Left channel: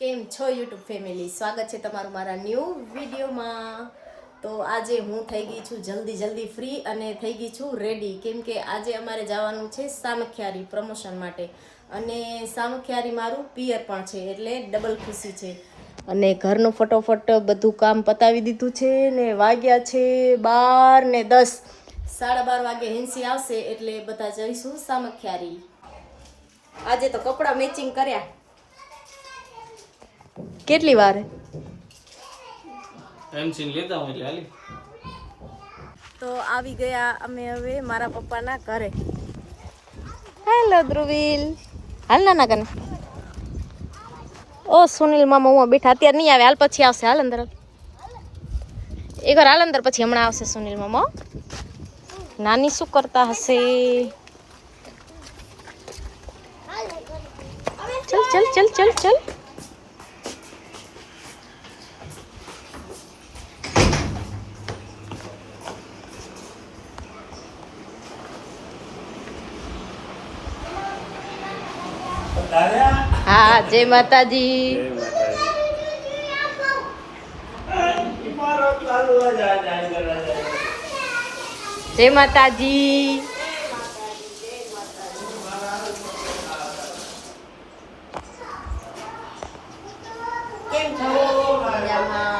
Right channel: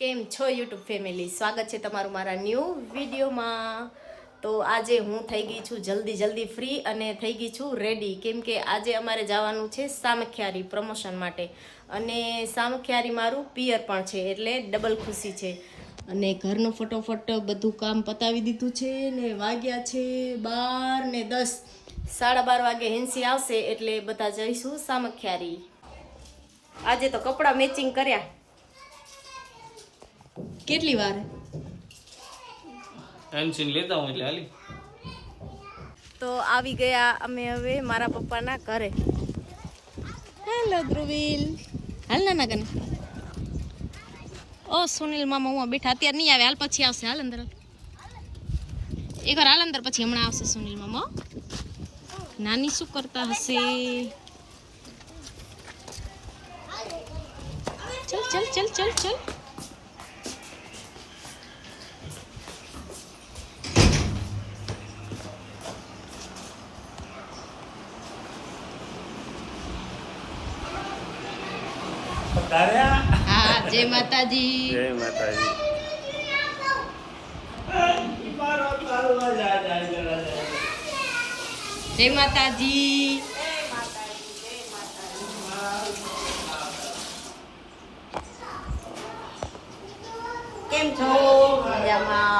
કેમ છો YouTube family, સ્વાગત છે તમારું મારા ન્યૂ વિડીયોમાં। તો આજે હું થઈ ગઈ છું જલ્દી ફ્રી અને થઈ ગઈ છું રેડી, કેમ કે આજે અમારે જવાનું છે સામખિયારી પ્રમોશન માટે, અને સામખિયારી મારું પિયર પણ છે, એટલે ડબલ ખુશી છે। અને ઘરનું ફટોફટ બધું કામ પતાવી દીધું છે ને વાગ્યા છે 12 ને 10, 12:30 વાગે હેન્સી આવશે એટલે બધા જઈશું સામખિયારી। આજે તો કપડાં મેચિંગ કર્યા। કેટલી વાર એનસીન લેતા હું એટલે હાલી તો આવી ગયા અમે હવે મારા પપ્પાના ઘરે। હેલો ધ્રુવીલ, હાલ નાના કને। ઓ સુનિલ મામા હું બેઠા, અત્યારે નહીં આવે, હાલ પછી આવશે, હાલ અંદર એકવાર હાલ અંદર, પછી હમણાં આવશે સુનિલ મામા। નાની શું કરતા હશે? ચલ ચલ ચલ ચલ ચલ। હા, જય માતાજી। જય માતાજી। કેમ છો? મજામાં।